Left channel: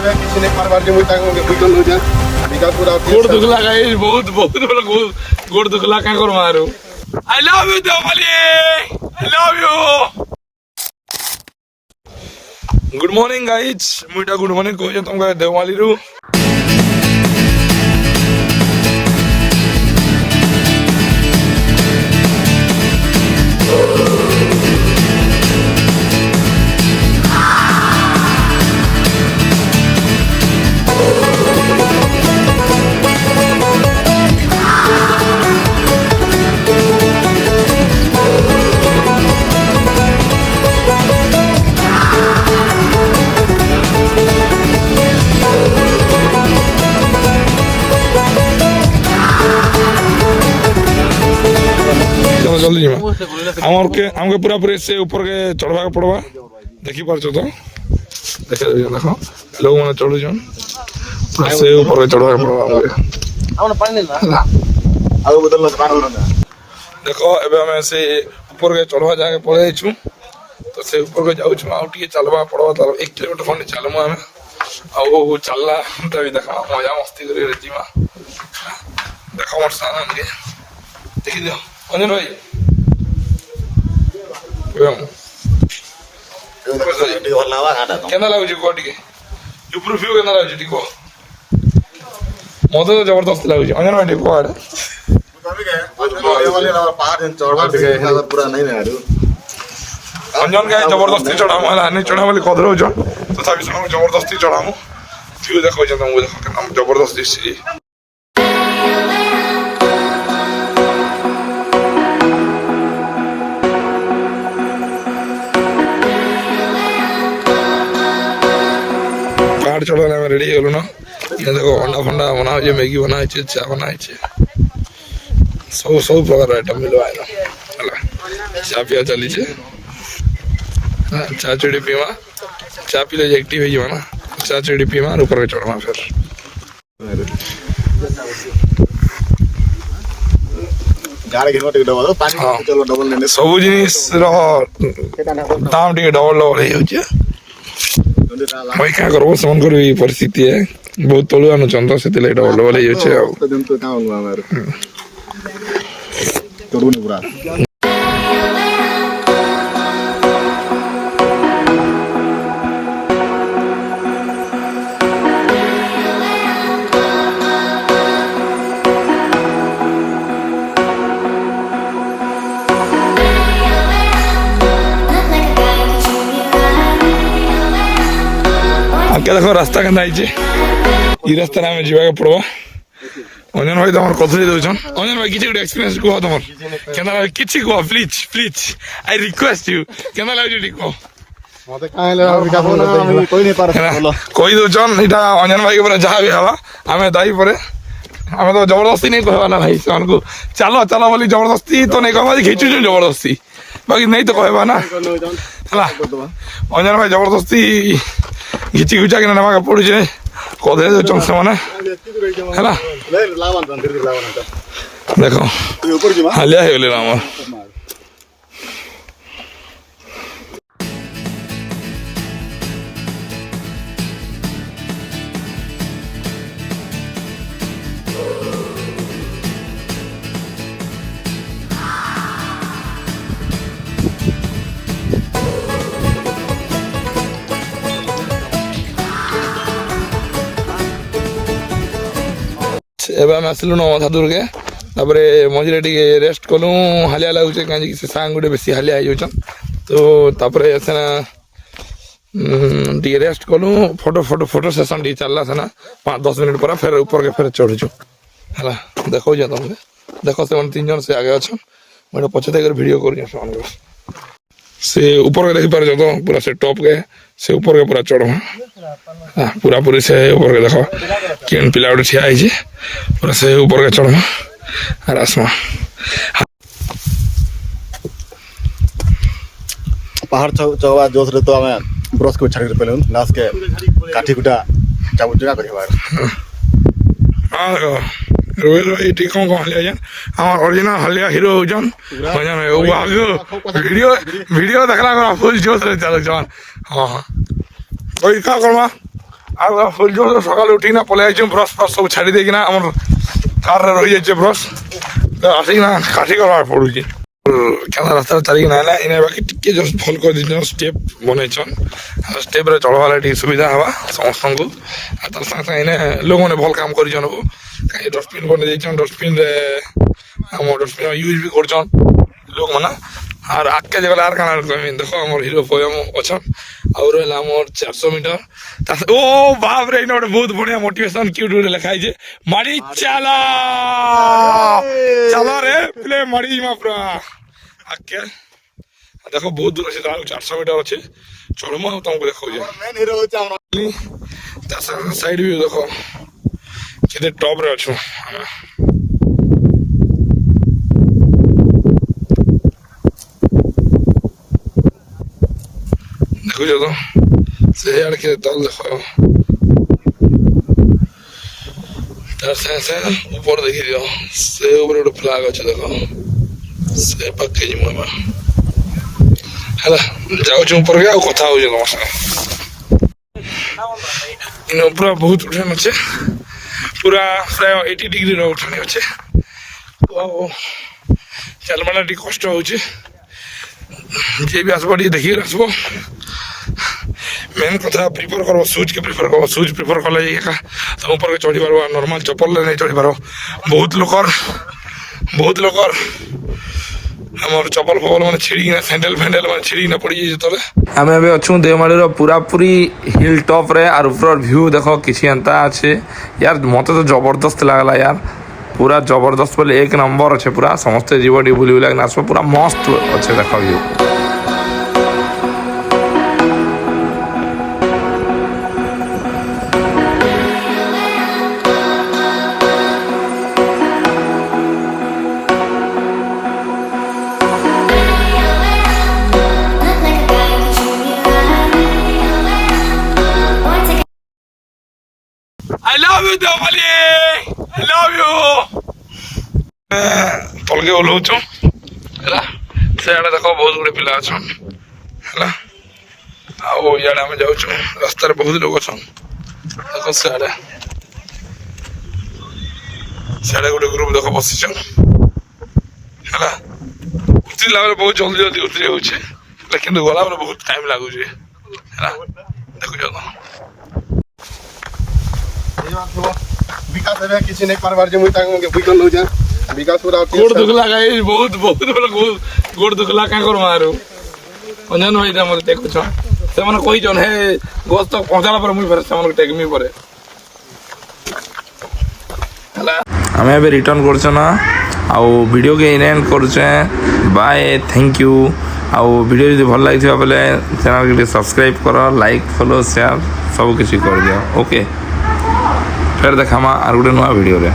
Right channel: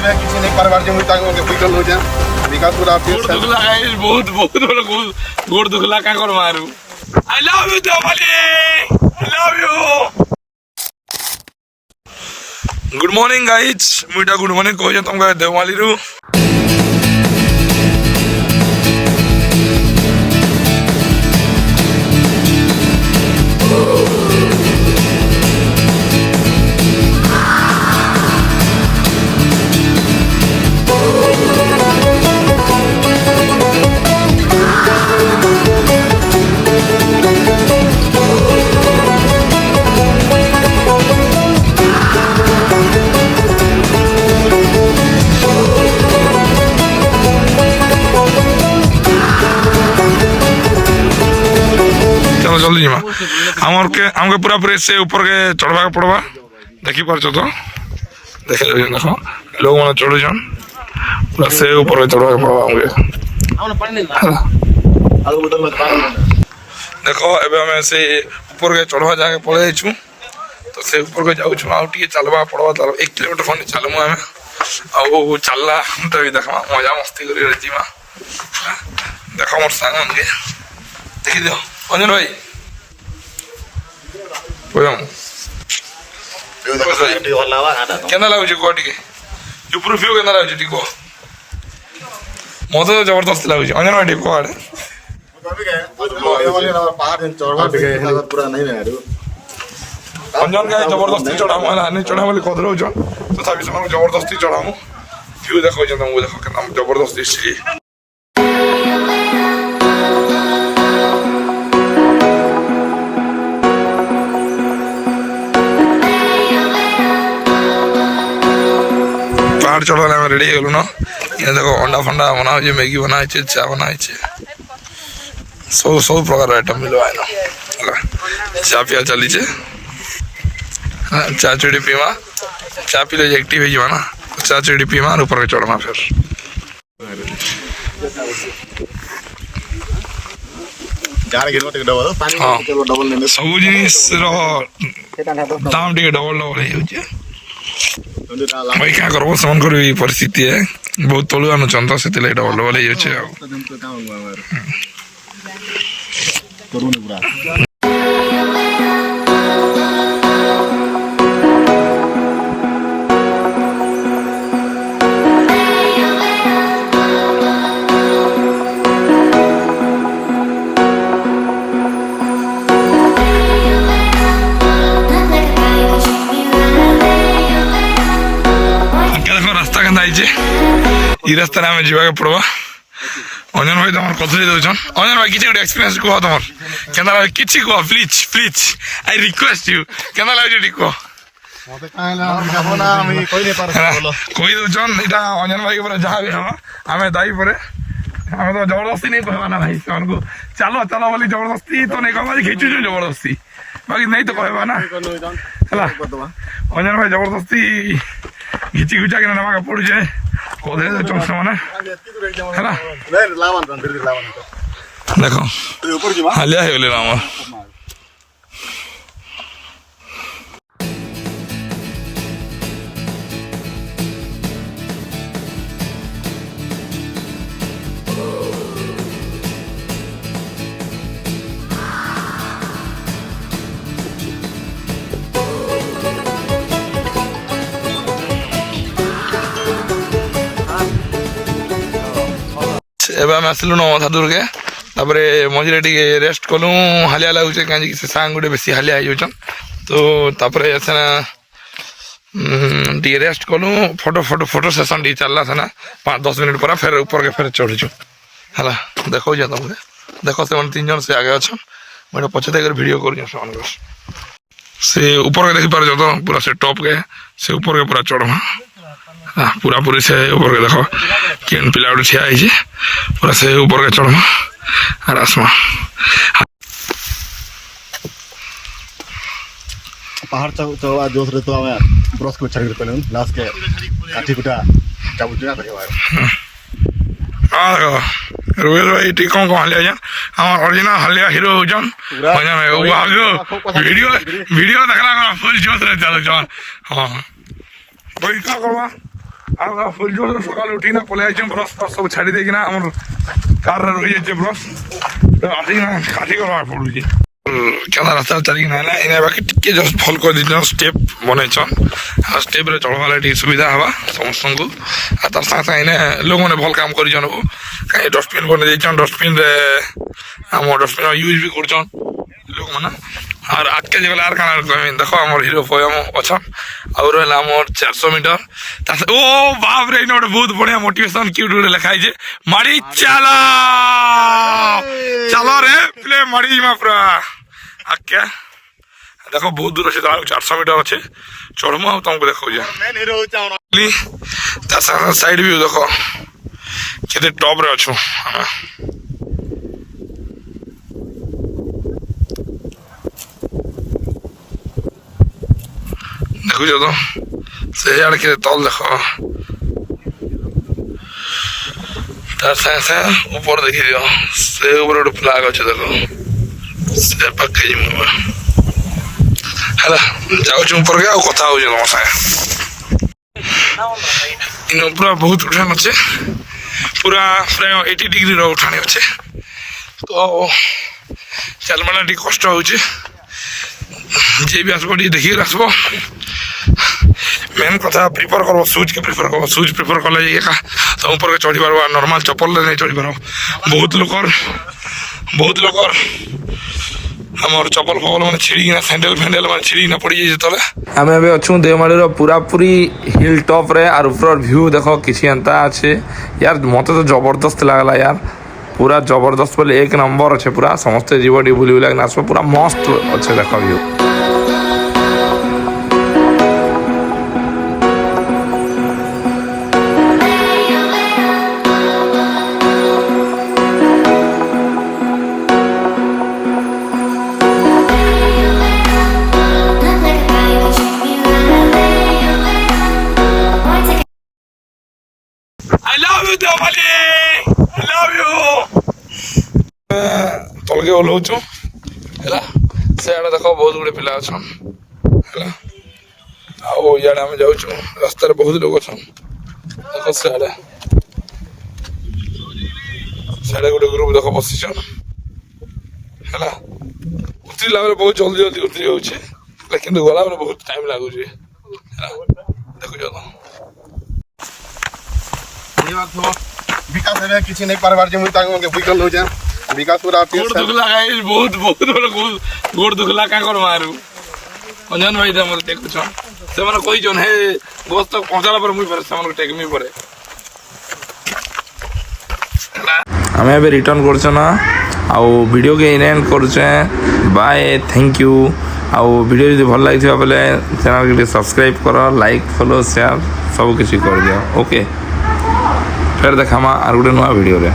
किसी नहीं परवार जो मुझे ताको बिकल हो जाए बिका पूरा गोड़ दुखला गाइस बहुत बहुत बड़ा गोड़ दुखला का कर मारू I love you Devmali I love you good morning guys मुइटा गुड मॉर्निंग कहो तुमका देवमाली रु चलो जल्दी जीमा हमके पूरा पूरे से ऊपर के चढ़वा के पड़वा देखी पार तो देखे देखो लोग मैंने चढ़ू जन पूरा से ऊपर के चढ़वा के पड़वा हमके देखो एबे हमें से ऊपर के चढ़वा जाके पड़े छु तो से ऊपर के जाऊ छु आउ टिके चलवा पड़वा त 1 किलोमीटर खंड चलमु हमें आउ चलला तभी देखमा मजा मस्ती करी जीमा देखो मोर संग हमके देखि दियो अंजन भाई केना लाଗୁଛି କହ ଟିକେ ଉପରୁ ଭିଉ କେନା ଲାଗୁଛି ଟିକେ କହ ମତେ ତ ଜବରଦସ୍ତ ଲାଗୁଛି अंजन भाई ଟିକେ କହ ଆଡେ अंजन के जबरदस्ती चढ़ामु ହେଲା नहीं चढ़ा ବୋଲି କଦରଉଛ ତଥାପି ସେମାନଙ୍କୁ ଜବରଦସ୍ତି ଚଢ଼ାମୁ ଭିଉ ଦେଖାଉଛ ତମକୁ ଦେଖ କେନା ଜବରଦସ୍ତି ଅଛି पहाड़ चढ़वाने में रेडी हो ना ये देखो अंडा फंडा बना मैगी बना चा बना सब सब प्रकार आइटम मिलो है ना चा पिया चली चा चुड़ी पीमा चा पी ले एक्टिव हो ना चा चुड़ी पीमा और ऊपर के चढ़मा फिर सब जिनिस दाम टे डबल डबल भाई क्या करो सेमनकर भी परिस्थिति है बहुत तलुआ नुचन तो से डबल डबल देखो रास्ता के रास्ता आम जावा पड़वा अंजन भाई तुम कथी दौन अंजन भाई किसी गोटे एक्सपीरियंस कह तुम के किसी कह please please I request you के लगे कह कही दौन यहाँ अंजन भाई जहाँ भी हवा आम दाई पर आम तो जबरदस्ती नहीं कहवा ना भाई से चलो चलो बोली जबरदस्ती तो नहीं कहवा खींचु जबरदस्ती बाकी नहीं तो कहवा ना है अंजन भाई जबरदस्ती घिची घुचा के नवा पड़ुचे कदे दौन से मैंने है देखो हालिया हो गले आम एवं आम आसलु नवधा दुर्गे तापर मझे टे रेस्ट कलु हालिया लगुचे कहीं से सांग गोटे बेसी हालिया हो तो तापर सेना टे रेस्ट कलु फोटो फोटो फोटो सेसन टे चलला सेना 5-10 मिनट पर फिर ऊपर के फिर चढ़ुचु है देखो तुमको देख से 3 जन से आगे अच्छा मैं पछे देकर वीडियो कर से ऊपर के देखी पार तो पूरा से टॉप के से ऊपर के पूरा चढ़वा पूरा पूरी से ऊपर के देखो केन पिला गोटे ठिया है पूरा से ऊपर के चढ़मा और आसमा पहाड़ चढ़वा जोश रे तो हमें ब्रश को छाड़ी पे लास्ट के काठी कुटा जाबु जना करी बार हां रोयल भाई टी कौन कौन हालिया जान हमार ओरिजिनल हालिया हीरो जन भजन में वो आगे वीडियो देखला फुल जोश रे चलो जान हां भाई का करवा ଆଉ ସୂର୍ଯ୍ୟ ସକାଳୁ ଉଠିକିନା ପଳେଇ ଆସିଛୁ ବ୍ରସ୍ ଫ୍ରସ୍ ସବୁ ଛାଡ଼ି ଦେଇକିନା ଆମର କାର୍ରେ ରହିଯାଇଛି ବ୍ରସ୍ ତ ଆସିକିନା କାଠି କରିବାକୁ ପଡ଼ୁଛି କେନା ରାସ୍ତାରେ ଚାଲିକିନା ହେଲା ଏଇନା ବାକି ଟିକେ ଜଷ୍ଟ ଭଲ କରିଦେଇଛନ୍ ଷ୍ଟେପ୍ ବନେଇଛନ୍ ଆଉ ଷ୍ଟେପ୍ରେ ଚଢ଼ବାରେ ଟିକେ ସୁବିଧା ହେବା ସମସ୍ତଙ୍କୁ ଆଉ ତାର ସାଙ୍ଗେ ସାଙ୍ଗେ ଏଇନେ ଲୋକମାନେ ଭଲ କାମ କରିଛନ୍ କାହିଁ ଡଷ୍ଟବିନ୍ ବନେଇ ଦେଇଛନ୍ ଡଷ୍ଟବିନ୍ରେ ଆମ ଡଷ୍ଟବିନ୍ ୟୁଜ୍ ବି କରୁଛନ୍ ଲୋକମାନେ আর আটকে যে গেলে আর কানা কমি দেখো আমার হিরো পোয়েম অছন আর রহিলা আমার 400 মিটার ও বাপ রে এটা গোটে বহুত বড়িয়া মোটিভেশন কিউট গোটে লেখা হয়েছে মারি চালা চালো রে প্লে মারি মা পুরা আকে দেখো বহুত দূর আছে তার 400 মিটার আছে চড়মু আর তোমাকে দেখাও যে মেন হিরো হচ্ছে আমার তার সাইড ভিউ দেখো কেতে টপ রে আছো আমি দেখুছ তো সেইআড়ে কে তল দেখো তার সাথে সাথে উপরে দেখি দিও সে উপরে গোটে ফ্লাগ আছে দেখো সে পাখে ଯିମୁ ହେଲା ଯାଉଛୁ ଉପରକେ ଆଉ କଥା ହଉଛୁ ତମ ସାଙ୍ଗେ ଇନ ପୁରା ବହୁତ ଉଠାଣ ଅଛେ ପୁରା ପ୍ରାୟ 80 ଡିଗ୍ରୀର ଉଠାଣି ଅଛେ ତ ଚାଲବାଟା ଟିକେ କଷ୍ଟ ହଉଛି ଯିଏ ବି ଆସିବ ଟିକେ ଦେଖିକି ଆସିବ मेन कथा प्रिफर कर सुज के प्रिफर कर सुज प्रिफर कले तुम ऊपर के चढ़ी पार नॉर्मल चप्पल नहीं चढ़ी पार बहुत लोकर हमर चप्पल फपल मैंने छिड़ीना सैंडल फैंडल मैंने छिड़ीना पड़ी जाए आम ए अच्छू देवमाली पूरा पूरी हिल टॉप रे और ऊपर व्यू देखो किसी एंता अच्छे यार मत तो जबरदस्त लगला यार पूरा जबरदस्त बोले एक नंबर अच्छे पूरा समस्ते जीव टी बुली बुला नाचो पूरा मस्त अच्छे देख view I love you, Deomali! I love you! ତଳକେ ଓହ୍ଲଉଛୁ ହେଲା ସେଆଡ଼େ ଦେଖ ବହୁତ ଗୁଡ଼ିଏ ପିଲା ଅଛନ୍ ହେଲା ଆଉ ଇଆଡ଼େ ଆମେ ଯାଉଛୁ ରାସ୍ତାରେ ବହୁତ ଲୋକ ଅଛନ୍ ଦେଖ ସେଆଡ଼େ ଗୋଟେ ଗ୍ରୁପ ଦେଖ ବସିଛନ୍ ହେଲା ଉତରିଲା ବେଳେ ବହୁତ ଜଲ୍ଦି ଜଲ୍ଦି ଉତରି ହେଉଛି ହେଲେ କିନ୍ତୁ ଗଲାବେଳେ ବହୁତ ଟାଇମ୍ ଲାଗୁଛି ହେଲା ଦେଖୁଛ ତ विकास है किसी नहीं पारबार जे मुई तांग के बुइकल हो जा विकास पूरा गोड़ दुखला गाइस बहुत बड़ गोड़ दुखला का कर मारू अंजन भाई हमर देखु छ से माने कहि जन हे गोस तक पहुंचाला पर मुई पर से हमर टेकमी परे हमें अभी रिटर्न कर ना आ वीडियो के एंड कर बाय थैंक यू आ वीडियो यदि भल लगी बोले चैनल के सब्सक्राइब कर लाइक फॉलो शेयर सब किसी कर दियो ओके फिर देखा और गोटे नुआ वीडियो रे।